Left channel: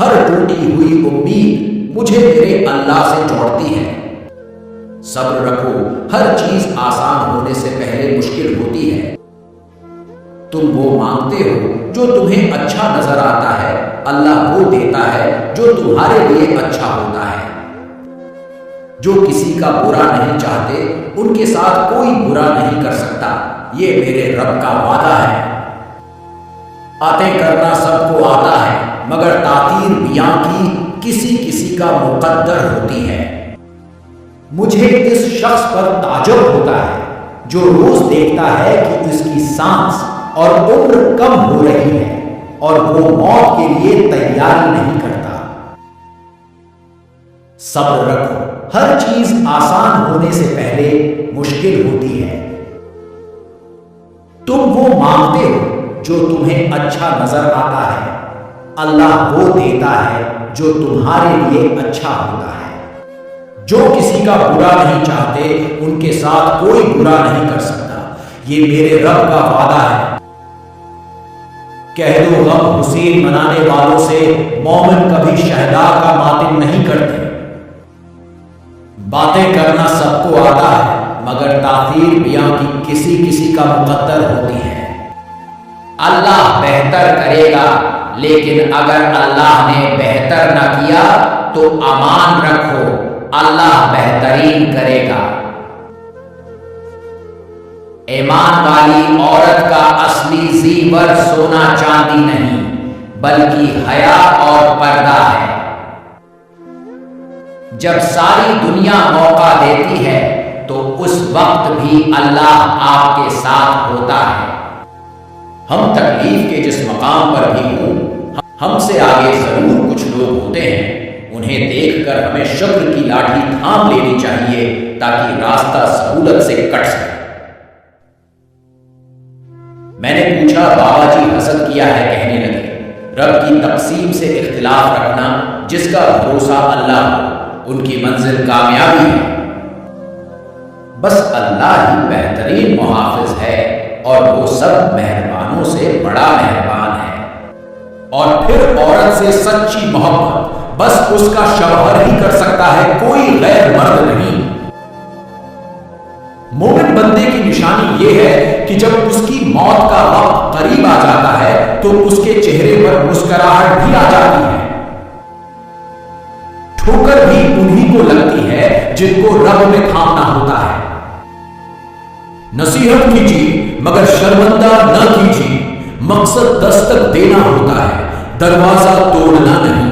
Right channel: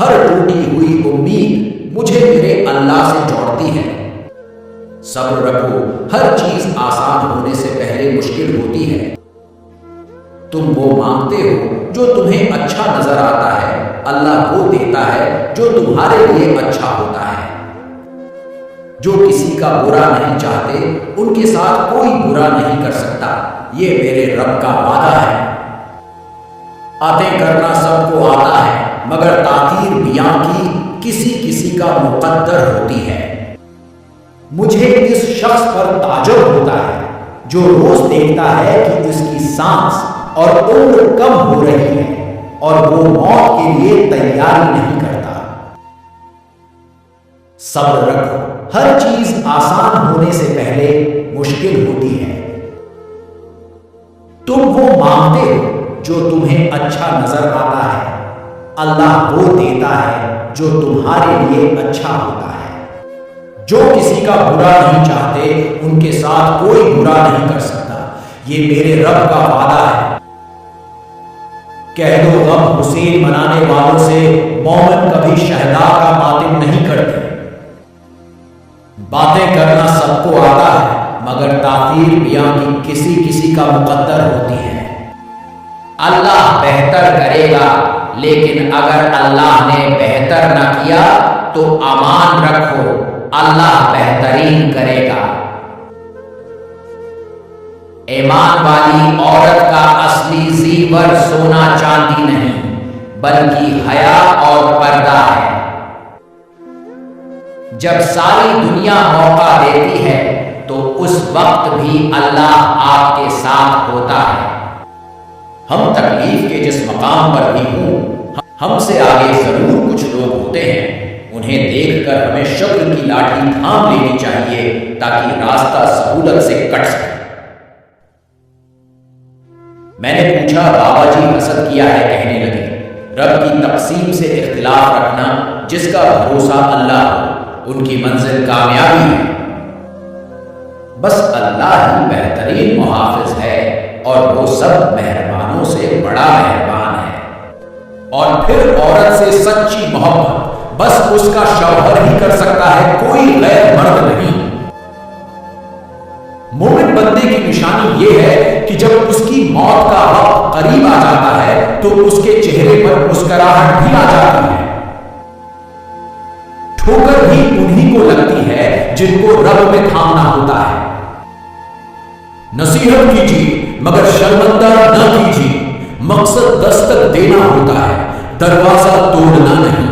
ہر ٹوٹی ہوئی امید مجھے میرے اللہ سے جوڑتی ہے۔ صبر رکھو، ہر چیز آسان ہونے سے پہلے مشکل ہوتی ہے۔ تم وہ مانگتے ہو جو تمہیں اچھا نظر آتا ہے، اللہ وہ دیتا ہے جو تمہارے لیے اچھا ہوتا ہے۔ جو کسی کا برا نہیں چاہتے ان کے ساتھ کوئی برا نہیں کر سکتا، یہ میرے رب کا وعدہ ہے۔ باتیں کرنا سب کو آتا ہے مگر تاثیر بیاں کی کسی کسی کا مقدر ہوتی ہے۔ مجھے اس شخص پر تعجب ہوتا ہے جو روز دیکھتا ہے کہ اس کی سانس اور عمر کم ہو رہی ہے اور وہ موت کے لیے تیاری نہیں کرتا۔ صبر رکھو، ہر چیز آسان ہونے سے پہلے مشکل ہوتی ہے۔ تم وہ مانگتے ہو جو تمہیں اچھا نظر آتا ہے، اللہ وہ دیتا ہے جو تمہارے لیے اچھا ہوتا ہے۔ جو کسی کا برا نہیں چاہتے ان کے ساتھ کوئی برا نہیں کر سکتا، یہ میرے رب کا وعدہ ہے۔ کہہ دو غم حسین منانے والوں سے مومن کبھی شہداء کا ماتم نہیں کرتے۔ باتیں کرنا سب کو آتا ہے مگر تاثیر بیاں کی کسی کسی کا مقدر ہوتی ہے۔ اللہ بہتر کرے گا، لیکن اگر اللہ نے بہتر نہ کیا تو امان رکھو، اللہ بہترین کرے گا۔ ایمان والی عورت کا اصلی زیور سونا چاندی نہیں بلکہ حیا اور پردہ ہے۔ جب ساری دنیا موقع دیتی ہے تو اس وقت بھی اللہ آپ کے ساتھ ہوتا ہے۔ ہم تکلیف کے جس مقام پر بھی ہوں، ہم سے آگے ضرور کچھ لوگ ہوتے ہیں، انہیں دیکھ کر ہمیں شکر کی لاٹھی تھام لینی چاہیے تاکہ راستہ سہولت سے کٹ سکے۔ میں نے پوچھا بابا جی حسد کیا ہے؟ کہنے لگے رب کی تقسیم سے اختلاف رکھنا، جس کا بھروسہ اللہ ہو ان کی منزل کامیابی ہے۔ بس اللہ ہی بہترین محافظ ہے اور وہ سب مہربانوں سے بڑا مہربان ہے۔ اور پھر عورت سے سچی محبت بس اس کا شوہر ہی کر سکتا ہے، کوئی غیر مرد نہیں۔ مومن بندے کی نشانی یہ ہے کہ جب اس کی موت کا وقت قریب آ جاتا ہے تو اس کے چہرے پر مسکراہٹ بھی آ جاتی ہے۔ ٹھوکر بھی انہی کو لگتی ہے جن کو رب میں تھامنا ہوتا ہے۔ نصیحت کیجیے مگر شرمندہ نہ کیجیے، مقصد دستک دینا ہوتا ہے، دروازہ توڑنا نہیں۔